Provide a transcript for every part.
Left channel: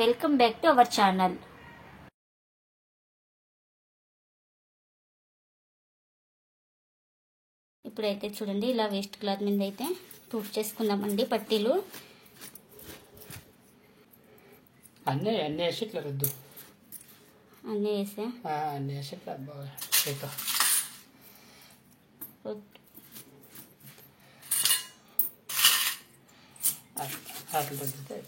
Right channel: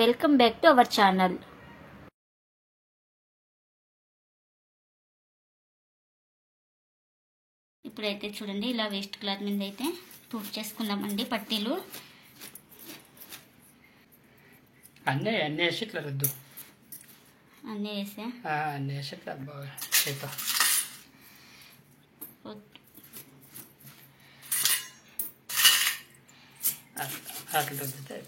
Welcome back to our channel. ఇప్పుడైతే చూడండి ఇలా వేస్ట్ క్లాత్ మీద అయితే తూట్ చేసుకున్నామండి పట్టీలు అన్నీ వేసి ఇట్లా రుద్దు. అన్నీ వేసా అన్నీ వేసి ఇట్లా బాగా చేతో అట్లా రుద్దితే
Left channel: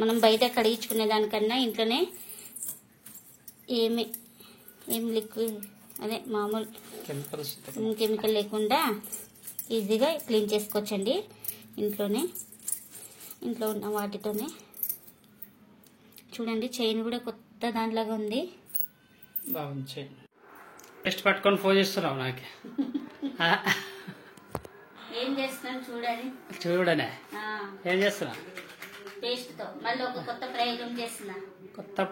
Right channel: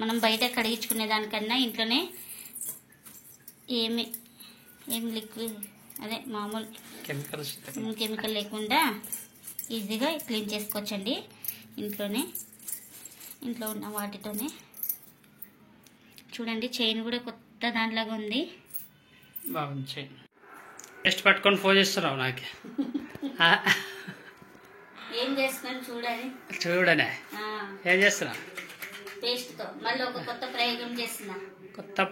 మనం బయట కడిగించుకునే దానికన్నా ఇంట్లోనే ఏం లిక్విడ్ అదే మామూలు కెమికల్ లేకుండా ఈజీగా క్లీన్ చేసుకోవచ్చండి. ఇంట్లో ఉన్న వాటితోనే. చూడండి చైన్ కూడా కొత్త దానిలాగా ఉంది. బాగుంది చైన్. టెస్ట్ పట్టుకొని ఫోన్ చేస్తున్నావు నాకు. ఏం చేస్తున్నాను చూడనే ఏం చేస్తున్నా? పేస్ట్ తో మళ్ళీ ఒక కొత్త ప్రయోగం చేస్తున్నా. కొత్త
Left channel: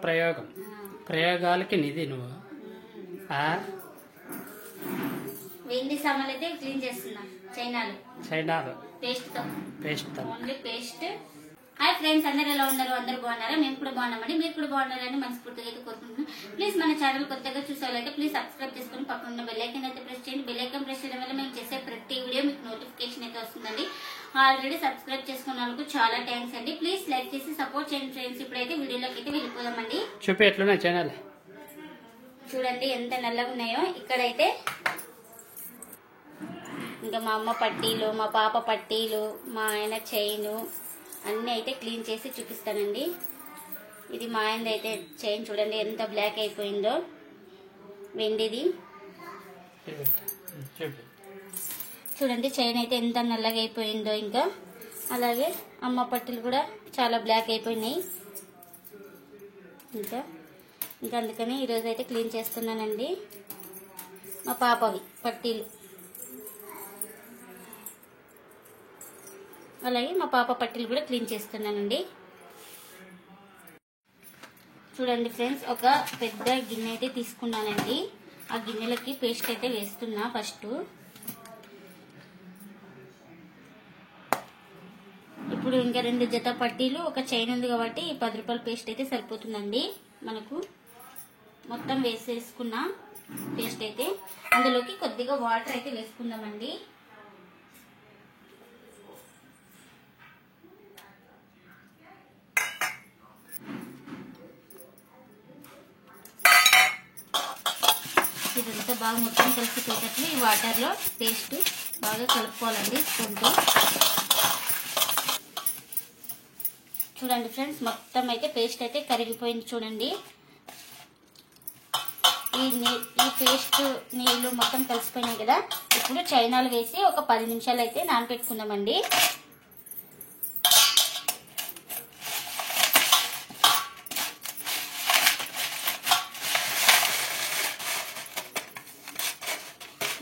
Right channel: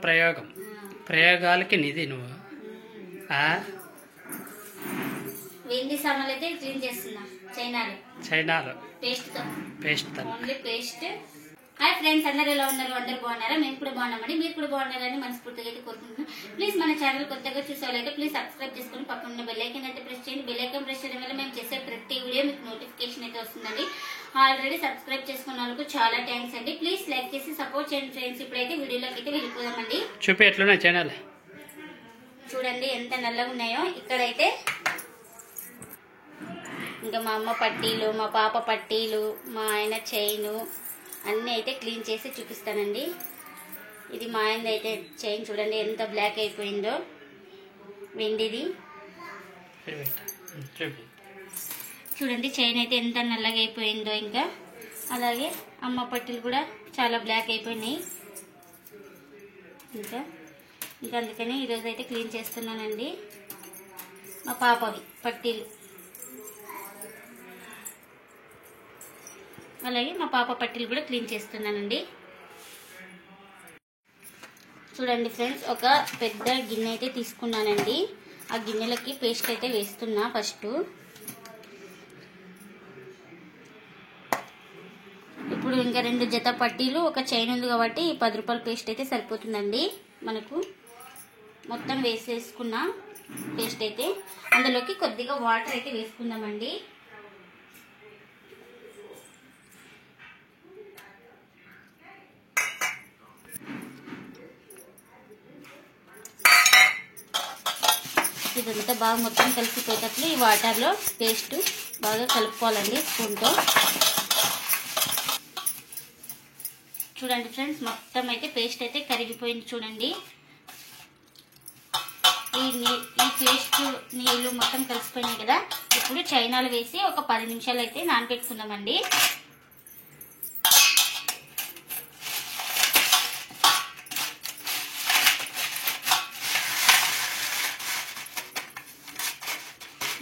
ప్రయోగాలకి నిధి నువ్వు. వెండి సామాన్లు అయితే క్లీన్ చేస్తున్నా. చైనాలు పేస్ట్ తో ఓన్లీ పేస్ట్. హాయ్ ఫ్రెండ్స్, అందరు ఎలా ఉన్నారు? అందరు బాగున్నారా? మేము కూడా బాగున్నామండి. మీరు కూడా బాగున్నారని మనస్ఫూర్తిగా అయితే కోరుకుంటున్నాం. ప్లీజ్ మన ఛానల్ కొత్తగా చూసేవాళ్ళైతే ప్లీజ్ సబ్స్క్రైబ్ చేసుకుని పక్కన బెల్ ఐకాన్ అయితే ప్రెస్ చేయండి. బెల్ ఐకాన్ ప్రెస్ చేయడం వల్ల మేము చేసే ప్రతి వీడియో మీకు నోటిఫికేషన్ అయితే వస్తుందండి. ఆల్రెడీ సబ్స్క్రైబ్ చేసుకున్న వాళ్ళకు చాలా థ్యాంక్స్ అండి. ప్లీజ్ లైక్ చేసి సపోర్ట్ చేయండి ఫ్రెండ్స్. ఇప్పుడైతే వీడియోలోకి అయితే వెళ్ళిపోదామండి. చూపి ఎట్లున్నాయి ఛానల్. చూడండి ఎంత నల్లగా ఉన్నాయో. ఇక్కడైతే ఇంకా మా అమ్మ పట్టీలు, మా పాప పట్టీలు, మా ఆయన చైను అన్నీ అయితే క్లీన్ చేసి చూపిస్తానండి. ఇది మా ఆయన అయితే చైన్ చూడండి ఎంత బ్లాక్ అయిపోయిందో, వెండిది. చూడండి చైన్ అయితే ఎంత నల్లగా అయిపోయిందో. ఇంకా అలాగే అమ్మ పట్టీలు కూడా చాలా బ్లాక్ అయిపోయినాయి. ఇంకా అందుకని ఈరోజు అయితే క్లీన్ చేస్తున్నానండి. మా పాపవి పట్టీలు, అలాగే మా పాప పట్టీలు కూడా క్లీన్ చేస్తున్నానండి. చూడండి ఫ్రెండ్స్, ఒక పెద్ద గిన్నె అయితే తీసుకున్నానండి. ఆ గిన్నెలకి పేస్ట్ అయితే వేస్తున్నా. ఫస్ట్ ఇప్పుడు ఇంకా 2 జత పట్టీలు, ఒక చైన్ ఉంది కాబట్టి 10 రూపాయల పేస్ట్ అయితే సరిపోతుందండి మనకు. మొత్తం వేసేసుకున్న పేస్ట్ అయితే అందులోకి కొద్దిగా వాటర్ అయితే వేసుకుందామండి. ఇదంతా బాగా మొత్తం కలిసిపోయేటట్లు ఈ వాటర్లో పేస్ట్ బాగా కలుపుకోవాలండి స్పూన్తో. చూడండి ఫ్రెండ్స్, మొత్తం అయితే పేస్ట్ అయితే కరిగిపోయింది. చూడండి ఈ పేస్ట్ నీళ్ళు మొత్తం కలిసిపోయినాయి కదా. ఇప్పుడు చైనాలు వేసి ఒక 10 నిమిషాలు అయితే నానబెట్టుకుందామండి.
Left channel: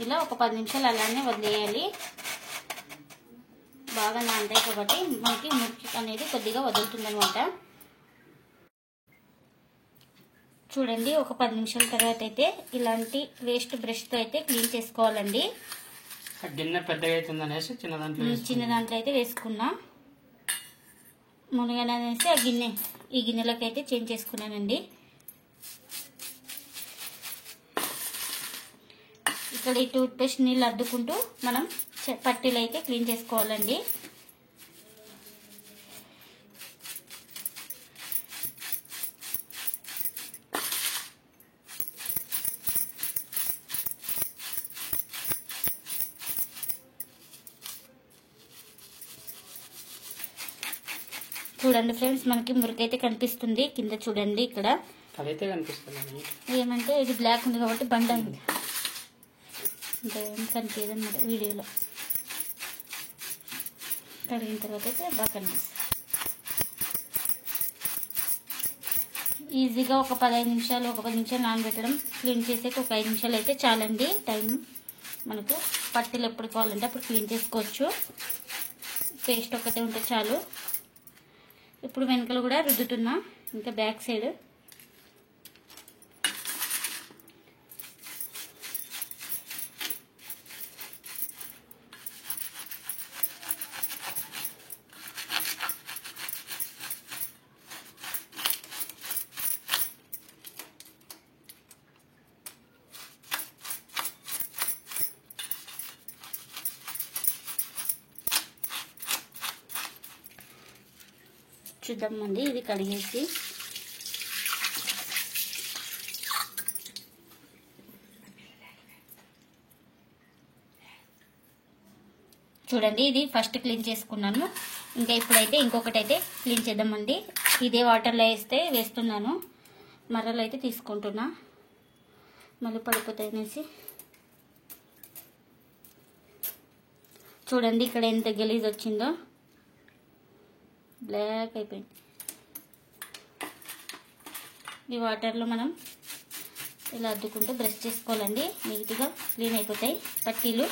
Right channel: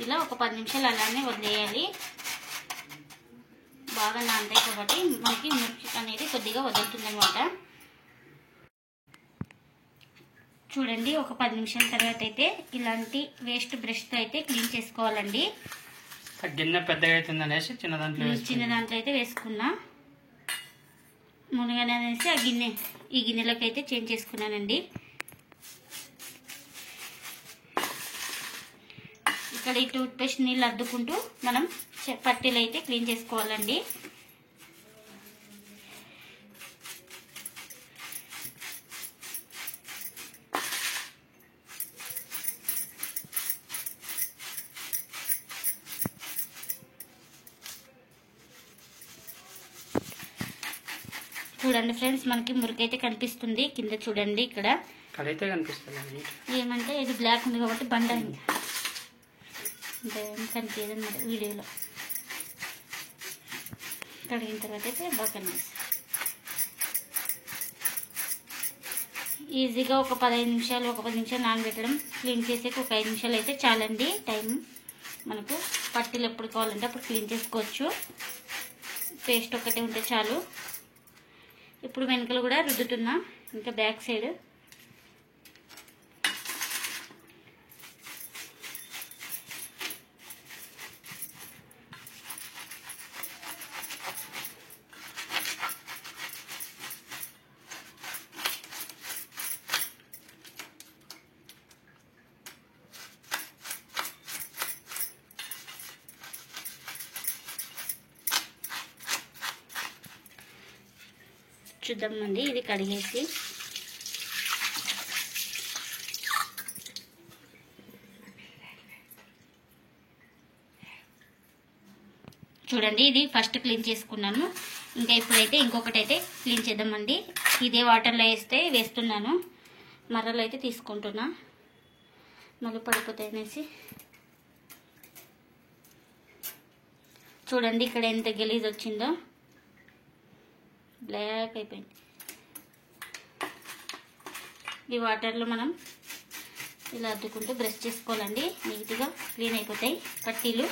ఇలా ఒక 10 నిమిషాలు అలానే వదిలేయాలి. బాగా నానతాయి కాబట్టి మనకి మురికి అనేది కొద్దిగా వదులుతుంది అనమాట. చూడండి ఒక 10 నిమిషాల తర్వాత అయితే ఇలాంటి వేస్ట్ బ్రష్ తో అయితే క్లీన్ చేసుకోవాలండి. గిన్నె పెద్దగా అవుతుందనేసి చిన్న దాంట్లో అయితే వేసుకున్నా. మునగనేసి ఈ గిన్నెలోకి అయితే చేంజ్ చేసుకున్నానండి. ఇక్కడ ఈ టూత్ పేస్ట్ నీళ్ళు అద్దుకుంటూ మనం పట్టీలు అయితే క్లీన్ చేసుకోవాలండి. చూడండి ఫ్రెండ్స్, మనకి మురికైతే కనిపిస్తుంది కింద. చూడండి ఇక్కడ ఏమంటే ఇది బ్లాక్ ఉంది కాబట్టి బండ అయింది. కనిపించదు అన్నమాట వీడియోలో. కడిగిన తర్వాత అయితే బాగా కనిపిస్తుంది. ఈజీగా ఒక 15 నిమిషాలు, ఒక 10 నిమిషాలు నానబెట్టడం, క్లీన్ చేసేకి ఒక 5 నిమిషాలు అయితే చాలండి టైం. మనకు పట్టీలు ఎప్పుడు కావాలంటే అప్పుడు క్లీన్ చేసుకోవచ్చు. పేస్ట్ ఒక్కటే ఉంటే చాలు. ఇప్పుడు వెనకలు కూడా రుద్దుతున్నా, ఇంకా బ్యాక్ సైడ్. చూద్దామండి ఇది కడిగేసి. చూడండి ఇది ఫస్ట్ క్లీన్ చేసుకున్నాను. ఇంకా ఇప్పుడైతే ఇంకొకటి అయితే క్లీన్ చేద్దామండి. ఇదే వాటర్లో వేస్తున్నాను. మర్రలు అయితే తీసుకుంటున్నా, మళ్ళీ పడిపోతాయి అనేసి. చూడండి ఇక్కడ ఎంత గలీజ్ వచ్చిందో, బ్లాక్ అయిపోయింది. ఈ వాటర్లో మనం ఇలా అద్దుకుంటూ బ్రష్ చేసుకోవాలండి. నీట్గా క్లీన్ అయిపోతాయి పట్టీలు.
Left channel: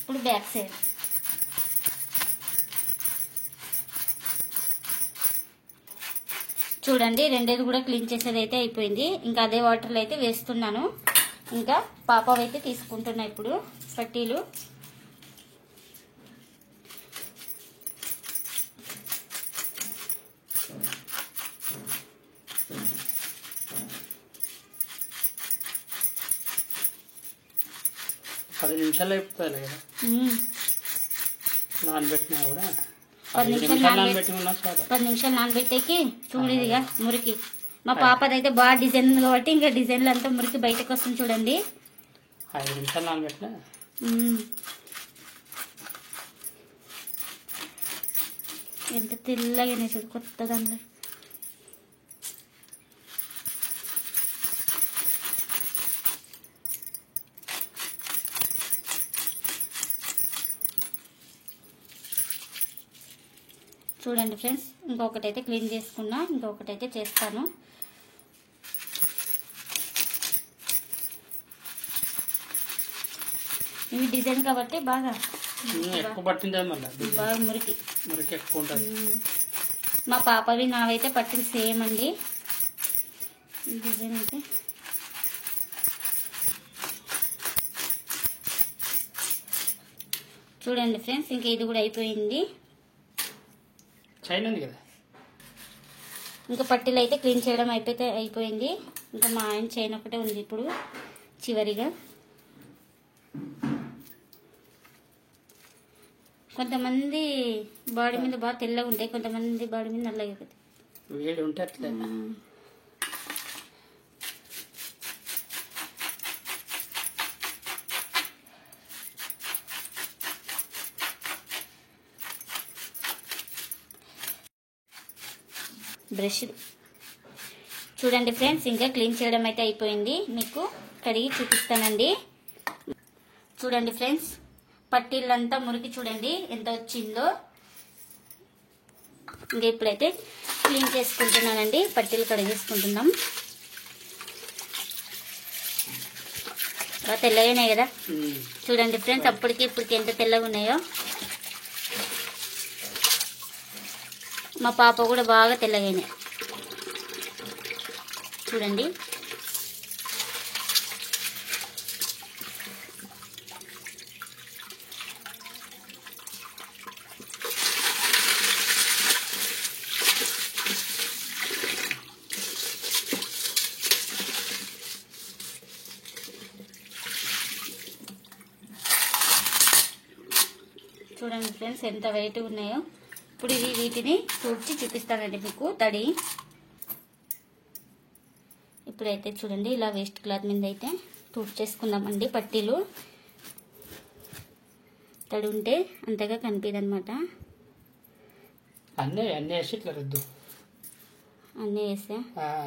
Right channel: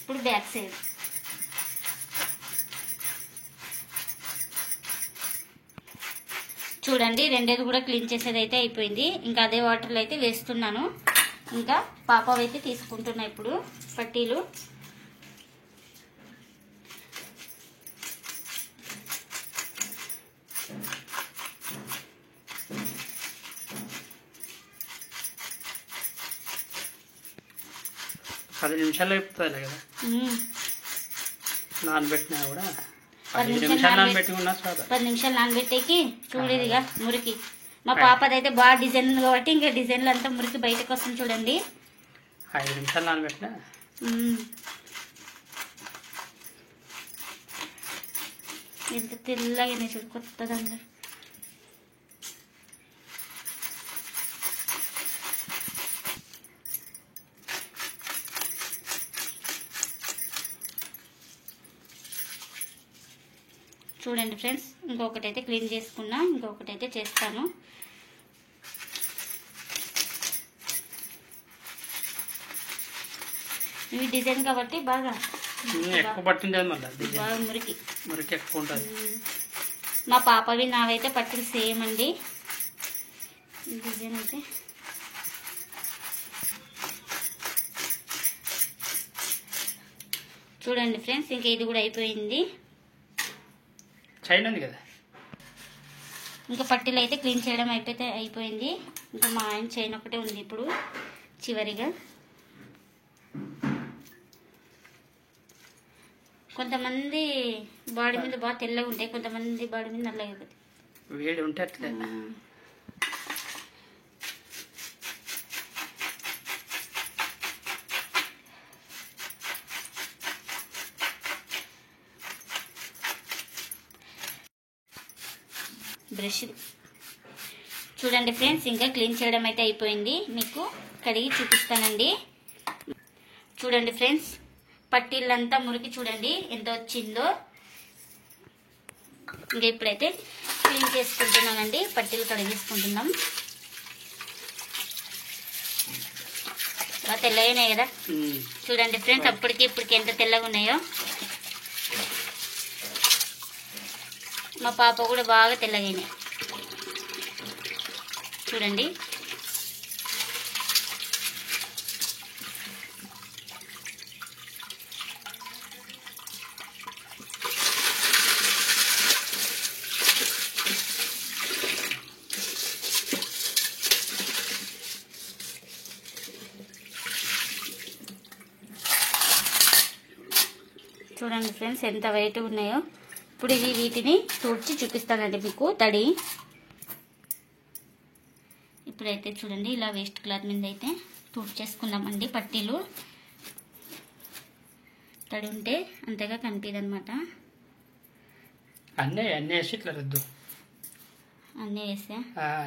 ఇప్పుడు బ్యాక్ సైడ్ చూడండి రెండేది కూడా క్లీన్ చేసేది అయితే అయిపోయింది. ఇంకా అదే వాటర్లో అయితే వేస్తున్నాను. ఇంకా పాప అయితే తీసుకుంటున్నా ఇప్పుడు పట్టీలు. పది నిమిషాలు అయిపోతుంది కదా నానబెట్టినా కూడా. 10 నిమిషాలు నానబెట్టేకి చూడేదిగా మురికి. మా పాపదైతే బాగా డిజైన్ కాబట్టి ఇంకా డిజైన్లు అంతా మురికి బయటకు వస్తుంది చూడండి. 5 నిమిషాలు నానబెట్టినా ఎంత తెల్లగానే చూడు కొత్తదండి. చూడండి ఫ్రెండ్స్ ఇంకొకటి అయితే క్లీన్ చేసుకున్నా, ఇంకొకటి అయితే చేస్తాను. ఇవి డిజైన్ కాబట్టి బాగా ఎక్కువ పట్టింది బాగా మురికి ఎక్కువ ఉంటుంది. మా పాపవి నావైతే పట్టిన సేమ్ అండి. డిజైన్ అయితే చూడండి ఫ్రెండ్స్ ఇంకా ఇది కూడా అయిపోయింది. చైన్ ఉంది కదా, ఇంకా పట్టీలు అయితే క్లీన్ చేయడం అయిపోయింది. ఇంకా మా ఆయన చైన్ ఒకటే ఉంది ఇప్పుడు చివరిగా. కొంతమంది బాడీ మీద బాగా తెల్లగా ఉంటాయి, కొంతమంది బాడీ మీద నల్లగా అయిపోతాయి. వేడి ఉంటే అట్లా బ్రష్ చూడండి ఫ్రెండ్స్ ఇంకా క్లీన్ చేయడం అయితే అయిపోయింది. మీకు కడిగి చూపిస్తానండి. చూడండి ఫ్రెండ్స్ పట్టీలంతా మురికి చూడండి ఎంత వచ్చిందో. ఇంకా ఇప్పుడైతే క్లీన్ చేసుకుంటున్నానండి. పట్టీలు కడిగేసుకుంటున్నాం. బాగా తెల్లగా ఉన్నాయి కదా చూడండి ఫ్రెండ్స్. అప్పటికి ఇప్పటికి ఎంత తెల్లగా ఉన్నాయో. మా పాప కూడా బాగా తెల్లగైనాయి చూడండి. చూడండి ఫ్రెండ్స్ ఎంత వైట్ ఉన్నాయో. ఇప్పుడు వీటిని తుడిచి చూపిస్తానండి మీకు తడి. ఇప్పుడైతే చూడండి ఇలా వేస్ట్ క్లాత్ మీద అయితే తుడిచేసుకుందామండి. పట్టీలు తడి ఉంటే అంతగా కనిపించదు అనమాట. అన్నీ వేసి ఇట్లా రుద్దు. అన్నీ వేసా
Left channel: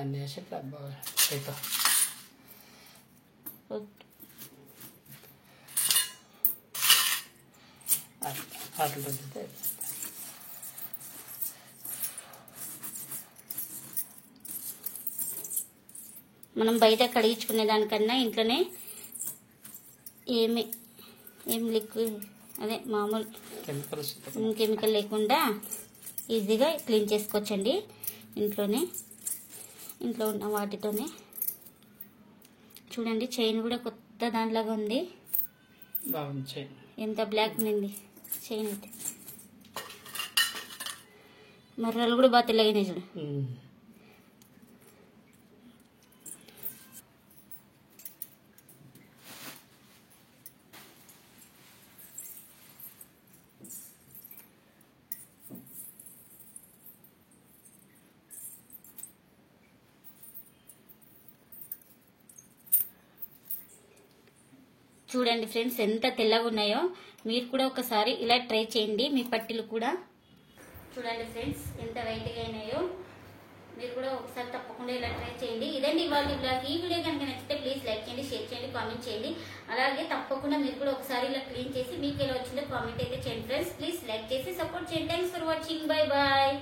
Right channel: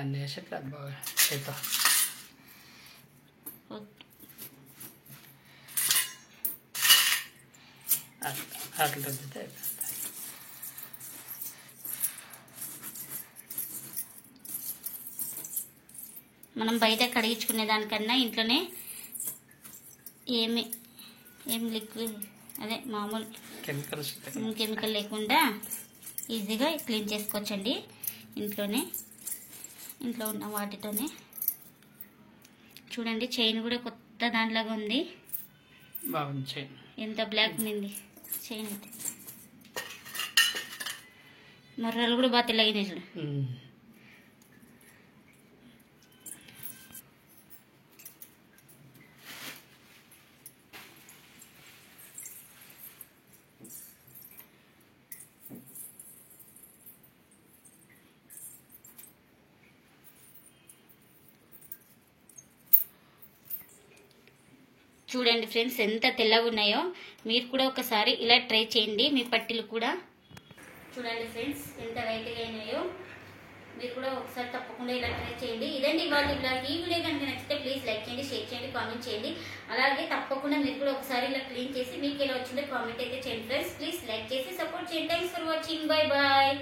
అన్నీ వేసి ఇట్లా బాగా అట్లా రుద్దితే మనం బయట కడిగించుకునే దానికన్నా ఇంట్లోనే ఏం లిక్విడ్ అదే మామూలు కెమికల్ లేకుండా ఈజీగా క్లీన్ చేసుకోవచ్చండి ఇంట్లో ఉన్న వాటితోనే. చూడండి చైన్ కూడా కొత్త దాంట్లాగా ఉంది. బాగుంది చైన్. ఎంత బ్లాక్ ఉంది చైన్ అయితే. మర్రాలు కూడా బాగా తెల్లగా చూడు. చూడండి ఫ్రెండ్స్ ఎంత తెల్లగా ఉన్నాయో. మీరు కూడా ఒకసారి ఇలా ట్రై చేయండి. మీ పట్టీలు కూడా చూడండి ఫ్రెండ్స్ ఎంత వైట్గా అయినాయో. మీరు కూడా ఒకసారి తప్పకుండా ఇలా ట్రై చేయండి. ఇదండి ఇవాళ బ్లాగ్. ఈ వీడియో కనుక నచ్చితే ప్లీజ్ లైక్ చేయండి, షేర్ చేయండి, కామెంట్ చేయండి. అలాగే తప్పకుండా మీరు కూడా ఒకసారి ఇలా క్లీన్ చేసి మీకు ఎలా వచ్చిందో కామెంట్ అయితే చేయండి ఫ్రెండ్స్. ప్లీజ్ లైక్ చేసి సపోర్ట్ చేయండి. Thanks for watching. Bye bye.